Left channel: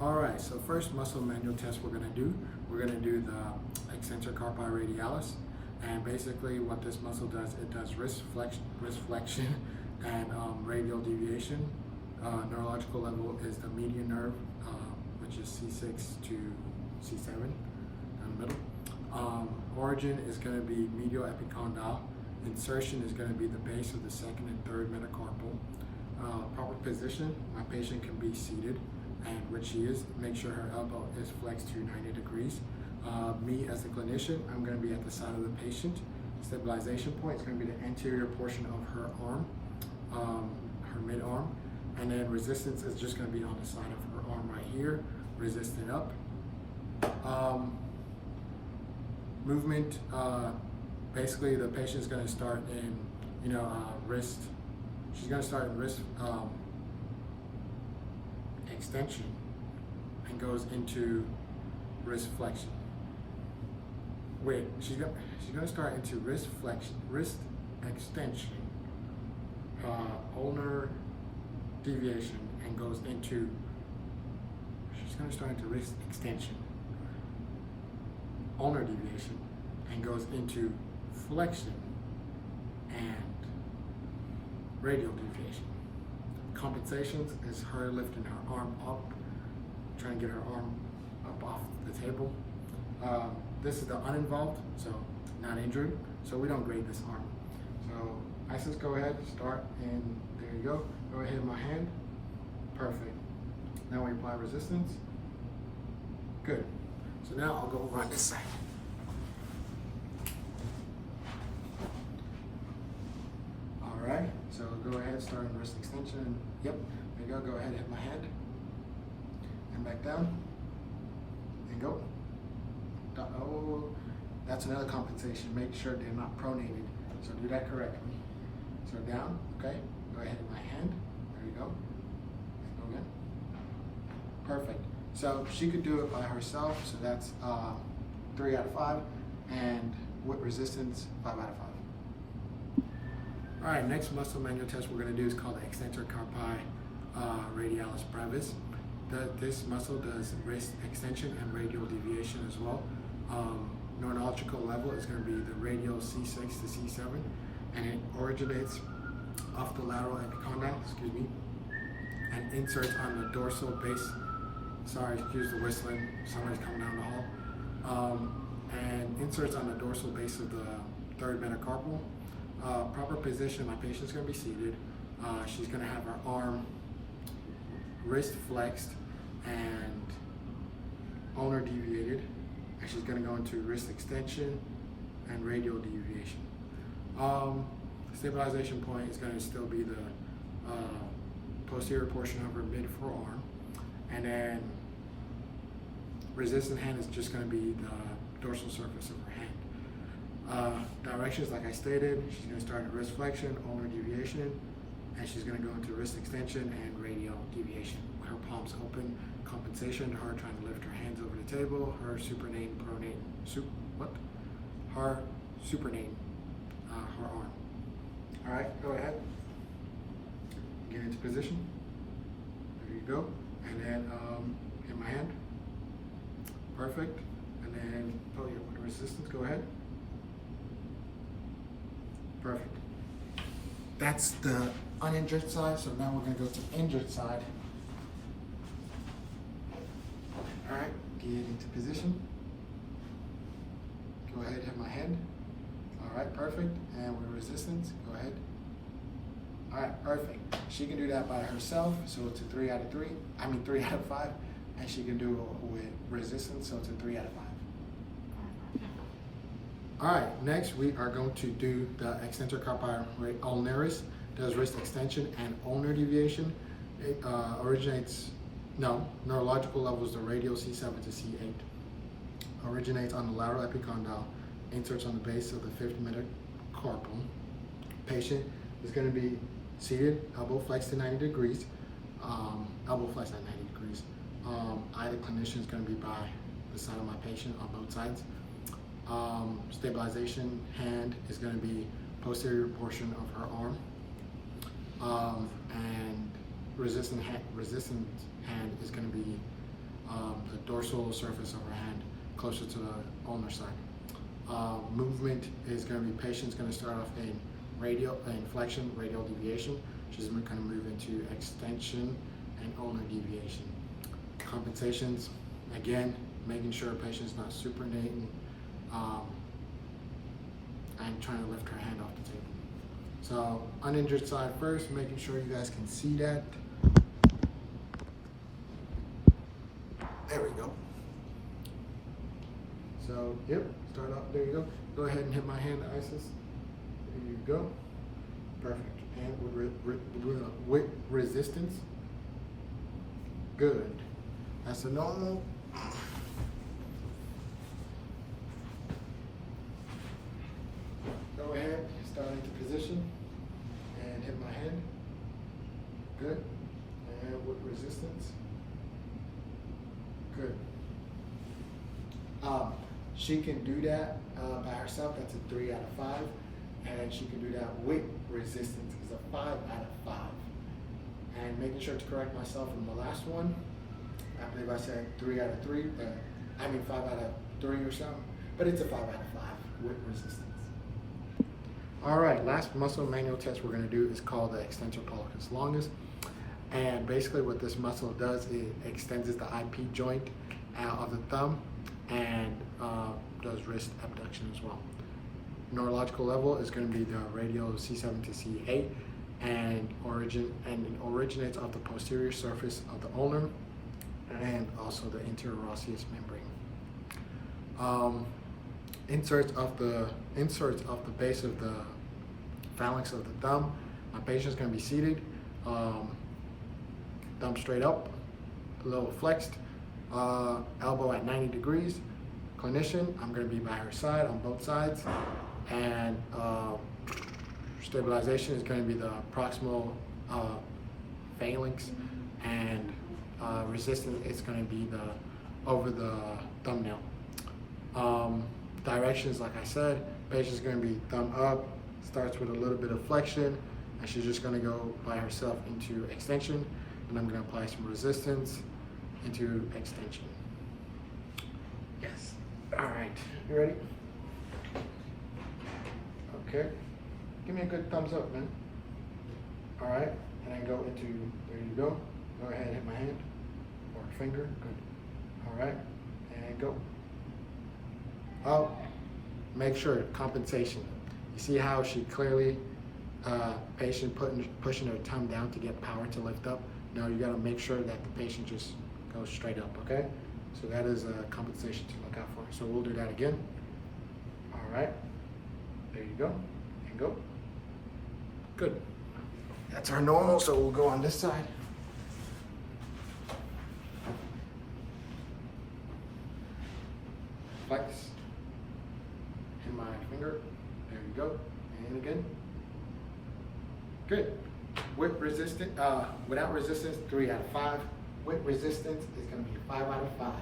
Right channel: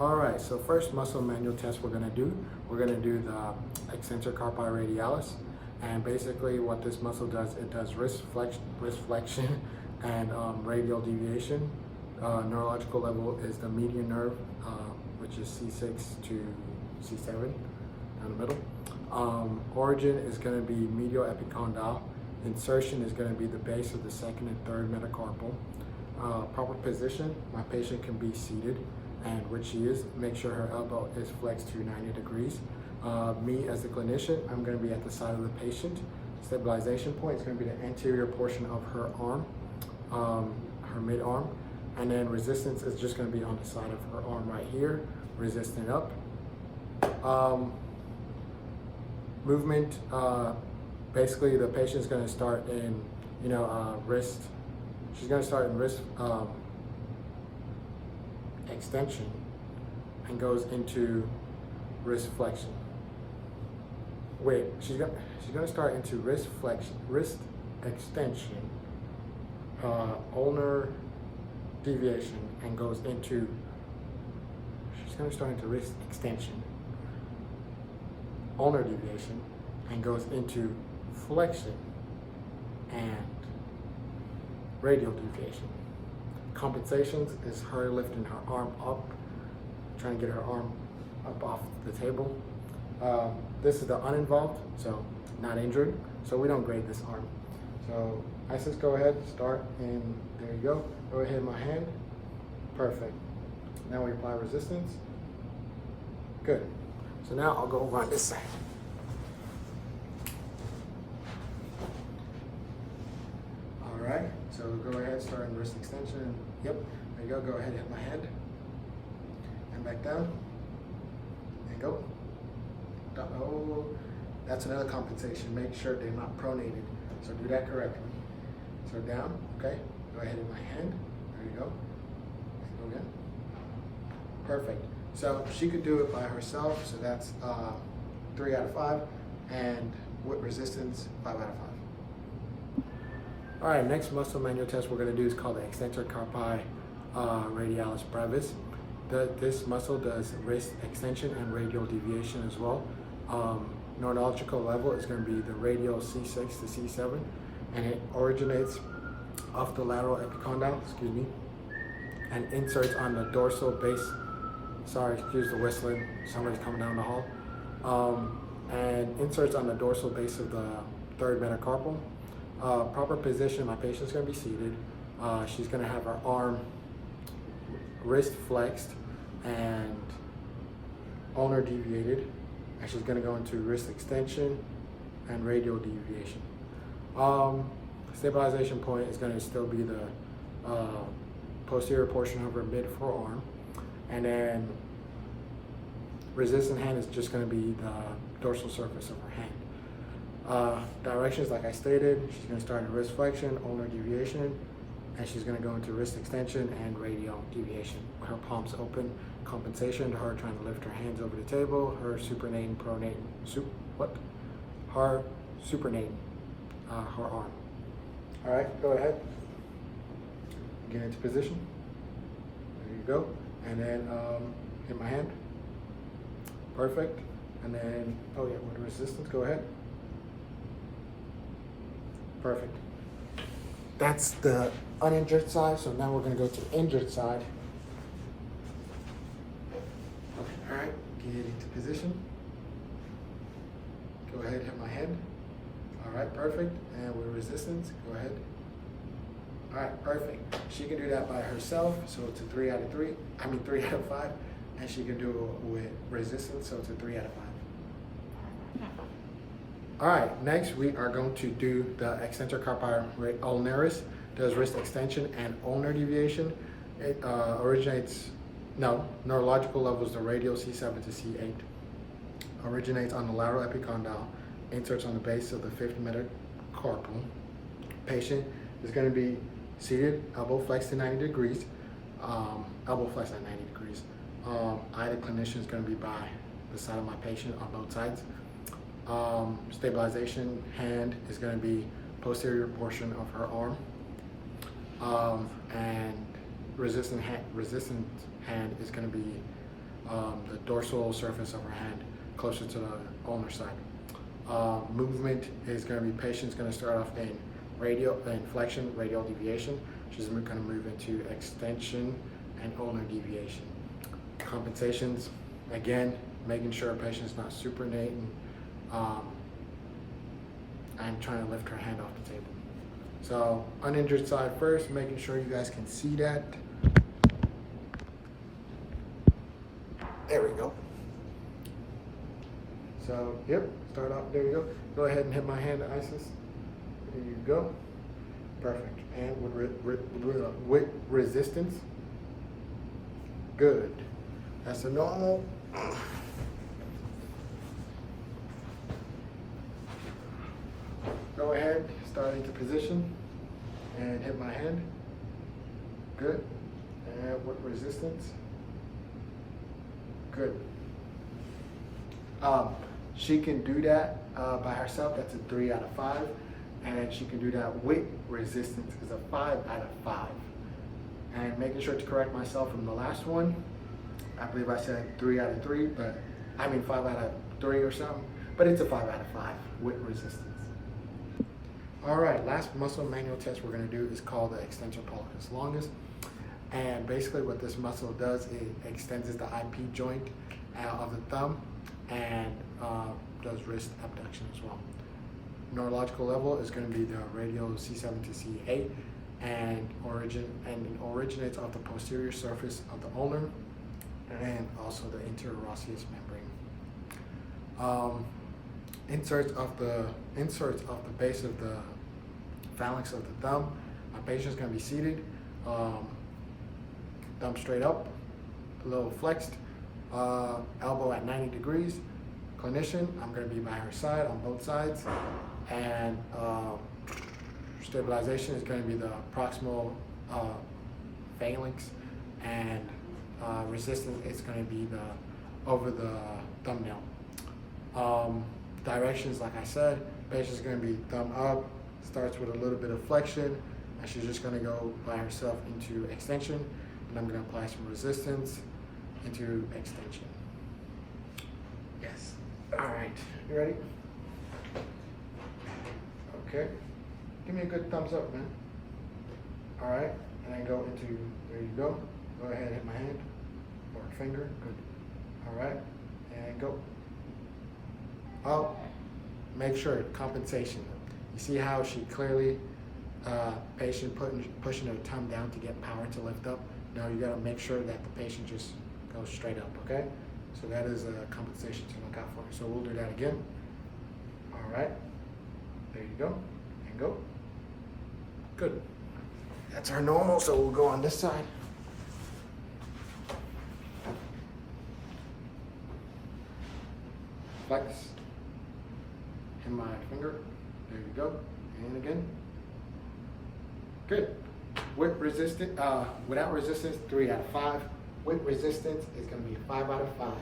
All right, so first muscle manual test we're gonna do the extensor carpi radialis. And basically what this muscle does, it does wrist flexion and radial deviation. Neurological level is the median nerve, which is C6 to C7 down the middle. Origin is gonna be medial epicondyle. Insertion is gonna be the base of the second and third metacarpal. Proper position, my patient can be seated, and which she is. Make sure her elbow is flexed to 90 degrees. Me as the clinician, I'm going to be at the side of the patient. Stabilization point is going to be the anterior portion of her arm, her mid-arm, and then resistance is just going to be on the side of her arm right here, resisting up. Movement, basically the patient's going to start in, wrist. She's going to start in wrist extension and goes into wrist flexion. Wait, she's gonna start into wrist extension, ulnar deviation, and goes into. She's gonna start into wrist extension, ulnar deviation, and goes into flexion and radial deviation. Compensations is her lifting her arm up, trying to get her arm up off the table. This is the uninvolved, so not injured, so we don't grade this arm. So Isis, go ahead, start, and there you go. Go ahead, my hand. Perfect. Now we apply resistance. Good. So now I'll go over on this side. All right, so go ahead, starting wrist extension. Yep, there you go. Go ahead, hit my hand. And back down. And go. Oh, that's another compensation. Make sure they're not pronated. So do that correctly. So down, okay. Go ahead with my hand. There you go. Go again. Perfect. So she could do it by herself. So that's 3 out of 5. And with resistance, 5 out of 5. All right, next muscle manual test we're gonna do is called the extensor carpi radialis brevis. This muscle does wrist extension and radial deviation as well. Neurological level is going to be the radial C6 to C7, and it originates off the lateral epicondyle, and inserts on the dorsal base. Sorry, excuse the whistling, somebody's coming down the hall. And inserts on the dorsal base of the third metacarpal. Proper position, my patient's going to be seated. She's going to have her arm wrist flexed and ulnar deviated, and she's going to go into wrist extension and radial deviation. Stabilization point is going to still be the posterior portion of her mid forearm, and then resistant hand is just going to be the dorsal surface of her hand. Directions, like I stated, she's going to start in wrist flexion, ulnar deviation, and she's going to go into wrist extension and radial deviation. Her palms open. Compensation to her trying to lift her hands over the table. Her supinating, her supinating her arm. All right, go ahead. Get into position. There you go. And then hit my hand. Perfect. And then, oh yeah, with resistance, go ahead. Perfect. That's the uninjured side, so now we're going to go to the injured side. All right, get into position. Go ahead, hit my hand. All right, perfect. And with resistance, go ahead. All right, perfect. She can do that by herself, so it's a 3 out of 3. I mean 3 out of 5. And she can do it with resistance, so it's a 3 out of 5. All right, next we are going to do the extensor carpi ulnaris. Does wrist extension and ulnar deviation. It neurological level is the radial C7 to C8. Originates on the lateral epicondyle, inserts on the base of the fifth metacarpal. Patient is going to be seated, elbow flexed to 90 degrees, elbow flexed at 90 degrees. I, the clinician, is going to be by the side of my patient on both sides. Stabilization hand is going to be posterior portion of her arm, and resistant hand is going to be the dorsal surface of her hand closer to the ulnar side. Movement is going to be patient's going to start off in flexion, radial deviation. She's going to move into extension and ulnar deviation. Compensations, again, making sure a patient's not supinating and trying to lift her hand off the table. So uninjured side first, making sure you guys can see that. There we go. So, yep, start off, there you go. Go ahead and hit my hand, Isis. There you go. Perfect. And with resistance. Good. That's the normal. Go ahead, start into position, and hit my hand. Good. And with resistance. Good. She can do that by herself. That's a 3 out of 5. And she can do that with resistance is a 5 out of 5. And making sure to correct myself from the last one. I believe I said 3 out of 3, but I mean 5 out of 3 or something. But it's a 5 out of 5 with resistance. All right, last muscle manual test we're gonna do is called the extensor pollicis longus. And basically what this muscle does, it extends the IP joint of the thumb and does wrist abduction as well. Neurological level is going to be the radial C7 to C8 and originates off the posterior surface of the ulnar and also the interosseous membrane. Inserts of the base of the phalanx of the thumb. My patient is going to be seated, thumb straight up, a little flexed, elbow at 90 degrees. Clinician, I'm going to be by her side on both sides, and stabilization is going to be the proximal phalanx, and resistance is going to be over the thumbnail. Directions, like I said, patient's going to be thumb up, starts with a little bit of flexion, and she's just going to go by herself into extension, and I'm going to apply some resistance into extension. Yes. All right. You ready? Okay. Give me a good thumbs up, man. All right. And then go into, there you go. Go ahead and hit my hand or finger. Good. All right. And go. Oh, make sure, compensation. You see how she clearly, patient pushing her thumb down to get power to lift up? No, you gotta make sure that the patient just goes straight up, okay? So that is a compensation to look out for. So we'll do that again. All right, there you go, and go. Good. That's our normal, so we'll go on this side. Flex. In my finger. There you go. And again. Good. With resistance, without resistance, 3 out of 5. With resistance, it's going to be 5 out of 5.